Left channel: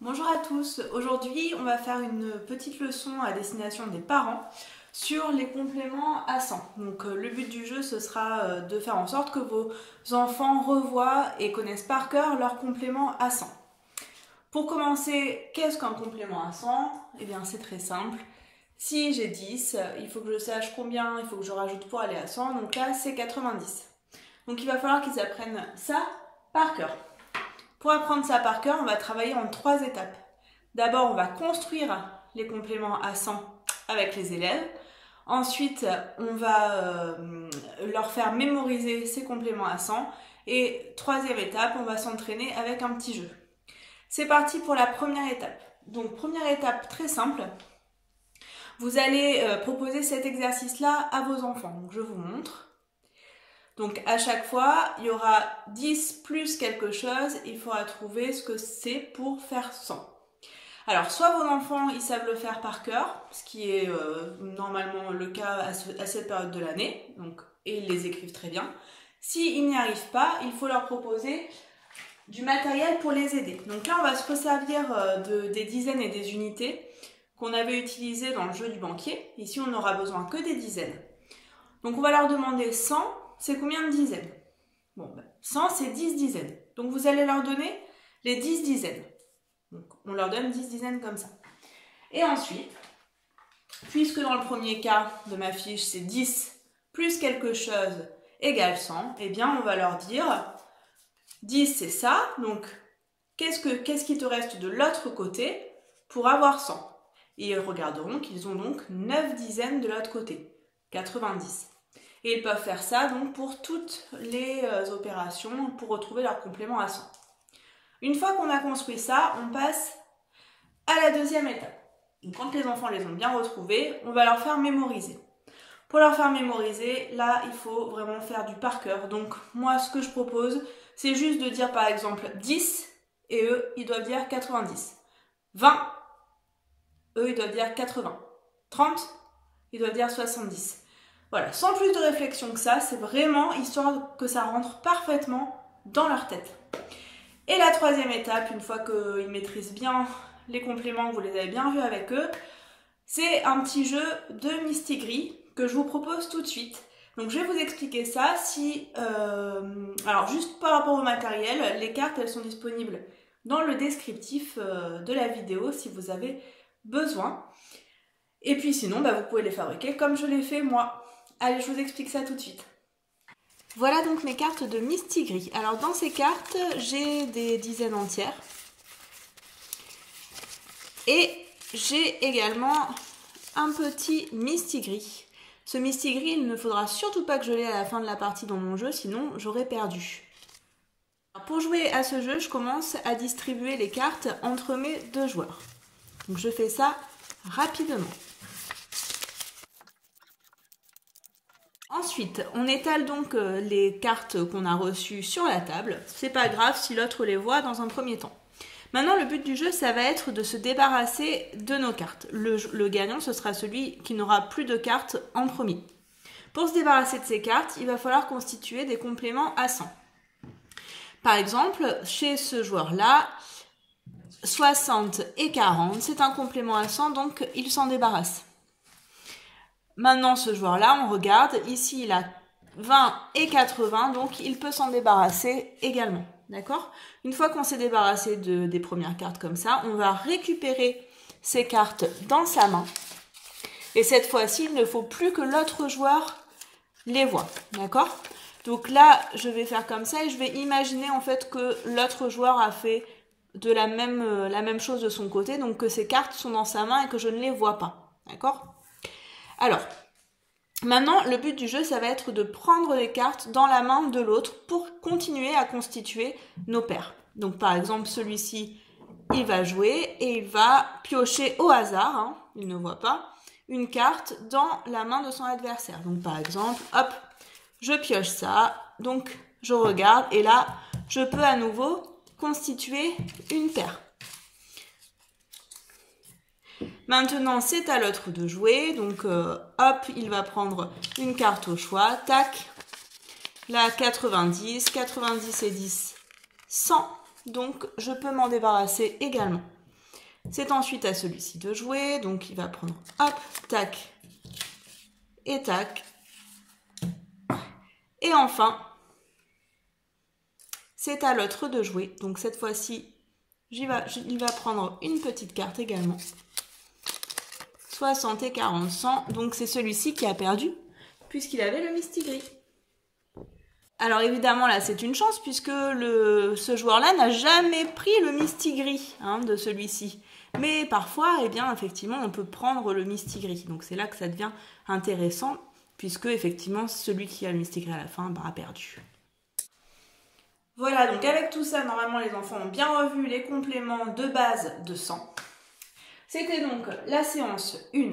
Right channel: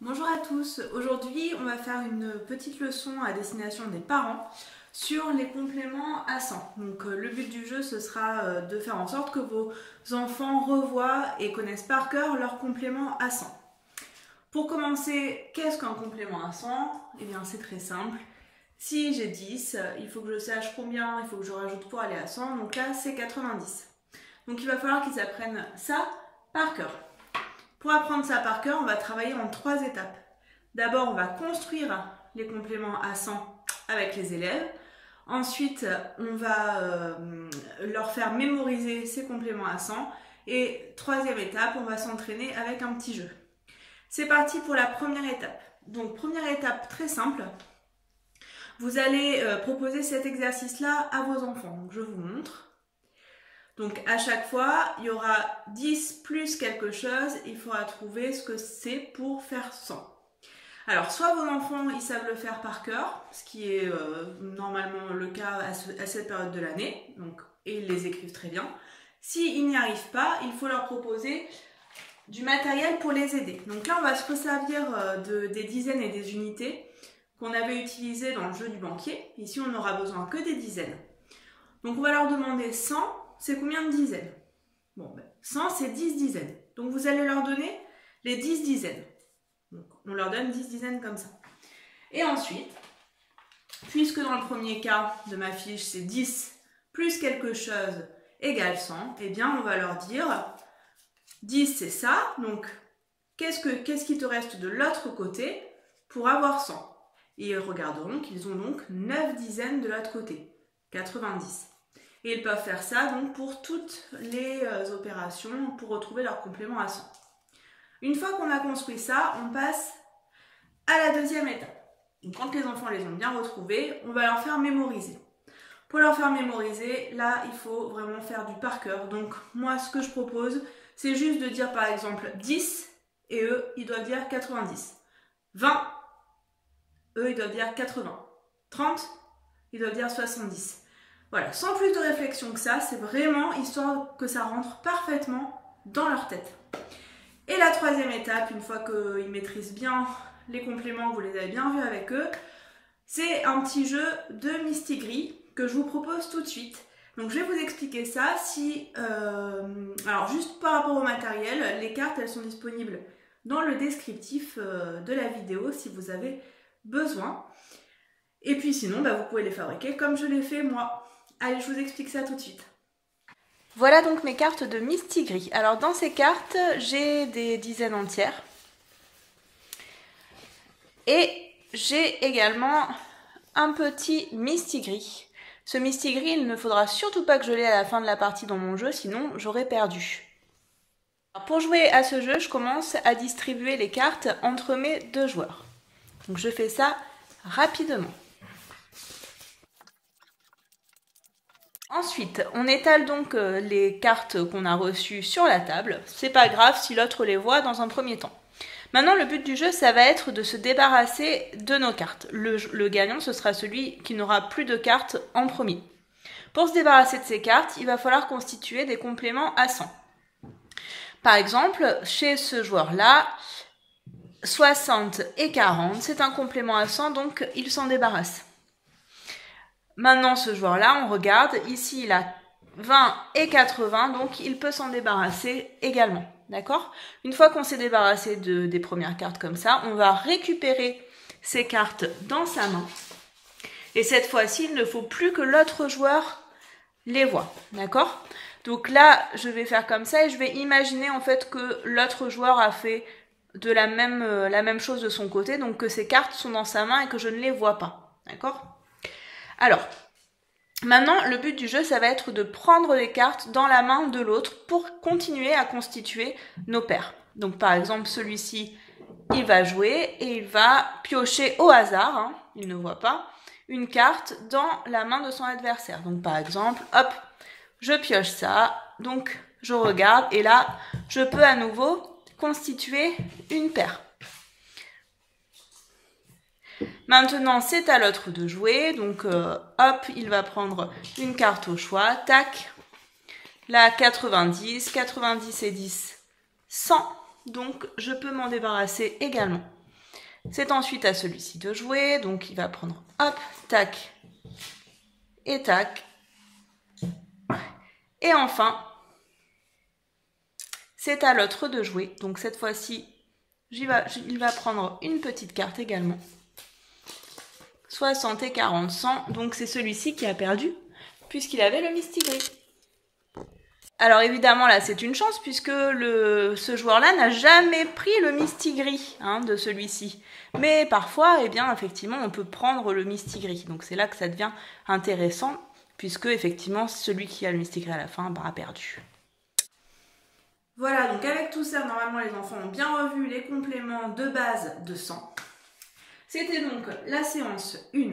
Bonjour à tous, aujourd'hui on va faire une petite leçon à destination des parents sur les compléments à 100. Donc le but du jeu ce sera de faire en sorte que vos enfants revoient et connaissent par cœur leurs compléments à 100. Pour commencer, qu'est-ce qu'un complément à 100? Eh bien c'est très simple. Si j'ai 10, il faut que je sache combien il faut que je rajoute pour aller à 100, donc là c'est 90. Donc il va falloir qu'ils apprennent ça par cœur. Pour apprendre ça par cœur, on va travailler en 3 étapes. D'abord, on va construire les compléments à 100 avec les élèves. Ensuite, on va leur faire mémoriser ces compléments à 100. Et troisième étape, on va s'entraîner avec un petit jeu. C'est parti pour la première étape. Donc, première étape très simple. Vous allez proposer cet exercice-là à vos enfants. Donc, je vous montre. Donc à chaque fois, il y aura 10 plus quelque chose, il faudra trouver ce que c'est pour faire 100. Alors soit vos enfants, ils savent le faire par cœur, ce qui est normalement le cas à cette période de l'année, et ils les écrivent très bien. S'ils n'y arrivent pas, il faut leur proposer du matériel pour les aider. Donc là, on va se resservir des dizaines et des unités qu'on avait utilisées dans le jeu du banquier. Ici, on n'aura besoin que des dizaines. Donc on va leur demander 100. C'est combien de dizaines? Bon, 100, c'est 10 dizaines. Donc, vous allez leur donner les 10 dizaines. Donc, on leur donne 10 dizaines comme ça. Et ensuite, puisque dans le premier cas de ma fiche, c'est 10 plus quelque chose égale 100, eh bien, on va leur dire 10, c'est ça. Donc, qu'est-ce qui te reste de l'autre côté pour avoir 100? Et ils regarderont qu'ils ont donc 9 dizaines de l'autre côté, 90. Et ils peuvent faire ça donc pour toutes les opérations pour retrouver leur complément à 100. Une fois qu'on a construit ça, on passe à la deuxième étape. Donc, quand les enfants les ont bien retrouvés, on va leur faire mémoriser. Pour leur faire mémoriser, là, il faut vraiment faire du par cœur. Donc, moi, ce que je propose, c'est juste de dire par exemple 10 et eux, ils doivent dire 90. 20, eux, ils doivent dire 80. 30, ils doivent dire 70. Voilà, sans plus de réflexion que ça, c'est vraiment histoire que ça rentre parfaitement dans leur tête. Et la troisième étape, une fois qu'ils maîtrisent bien les compléments, vous les avez bien vus avec eux, c'est un petit jeu de Mistigris que je vous propose tout de suite. Donc je vais vous expliquer ça. Alors juste par rapport au matériel, les cartes elles sont disponibles dans le descriptif de la vidéo si vous avez besoin. Et puis sinon, vous pouvez les fabriquer comme je l'ai fait moi. Allez, je vous explique ça tout de suite. Voilà donc mes cartes de Mistigris. Alors dans ces cartes, j'ai des dizaines entières. Et j'ai également un petit Mistigris. Ce Mistigris, il ne faudra surtout pas que je l'ai à la fin de la partie dans mon jeu, sinon j'aurais perdu. Alors, pour jouer à ce jeu, je commence à distribuer les cartes entre mes deux joueurs. Donc je fais ça rapidement. Ensuite, on étale donc les cartes qu'on a reçues sur la table. C'est pas grave si l'autre les voit dans un premier temps. Maintenant, le but du jeu, ça va être de se débarrasser de nos cartes. Le gagnant, ce sera celui qui n'aura plus de cartes en premier. Pour se débarrasser de ces cartes, il va falloir constituer des compléments à 100. Par exemple, chez ce joueur-là, 60 et 40, c'est un complément à 100, donc il s'en débarrasse. Maintenant, ce joueur-là, on regarde, ici, il a 20 et 80, donc il peut s'en débarrasser également, d'accord? Une fois qu'on s'est débarrassé des premières cartes comme ça, on va récupérer ces cartes dans sa main. Et cette fois-ci, il ne faut plus que l'autre joueur les voie, d'accord? Donc là, je vais faire comme ça et je vais imaginer en fait que l'autre joueur a fait de la même chose de son côté, donc que ces cartes sont dans sa main et que je ne les vois pas, d'accord? Alors, maintenant, le but du jeu, ça va être de prendre les cartes dans la main de l'autre pour continuer à constituer nos paires. Donc, par exemple, celui-ci, il va jouer et il va piocher au hasard, il ne voit pas, une carte dans la main de son adversaire. Donc, par exemple, hop, je pioche ça, donc je regarde et là, je peux à nouveau constituer une paire. Maintenant, c'est à l'autre de jouer. Donc, hop, il va prendre une carte au choix. Tac. Là, 90. 90 et 10, 100. Donc, je peux m'en débarrasser également. C'est ensuite à celui-ci de jouer, donc il va prendre hop, tac et tac. Et enfin, c'est à l'autre de jouer, donc cette fois-ci, il va prendre une petite carte également. 60 et 40, 100, donc c'est celui-ci qui a perdu, puisqu'il avait le mistigris. Alors évidemment là c'est une chance puisque ce joueur-là n'a jamais pris le mistigris de celui-ci. Mais parfois, eh bien effectivement, on peut prendre le mistigris. Donc c'est là que ça devient intéressant puisque effectivement celui qui a le mistigris à la fin a perdu. Voilà, donc avec tout ça, normalement les enfants ont bien revu les compléments de base de 100. C'était donc la séance 1.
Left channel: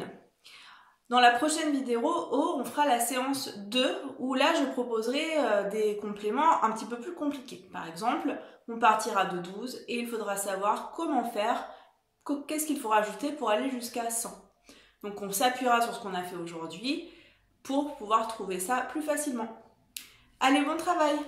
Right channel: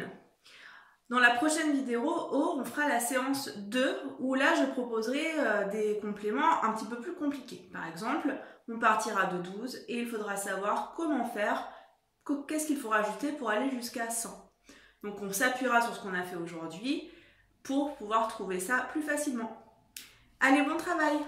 Dans la prochaine vidéo, on fera la séance 2 où là je proposerai des compléments un petit peu plus compliqués. Par exemple, on partira de 12 et il faudra savoir comment faire, qu'est-ce qu'il faut rajouter pour aller jusqu'à 100. Donc on s'appuiera sur ce qu'on a fait aujourd'hui pour pouvoir trouver ça plus facilement. Allez, bon travail!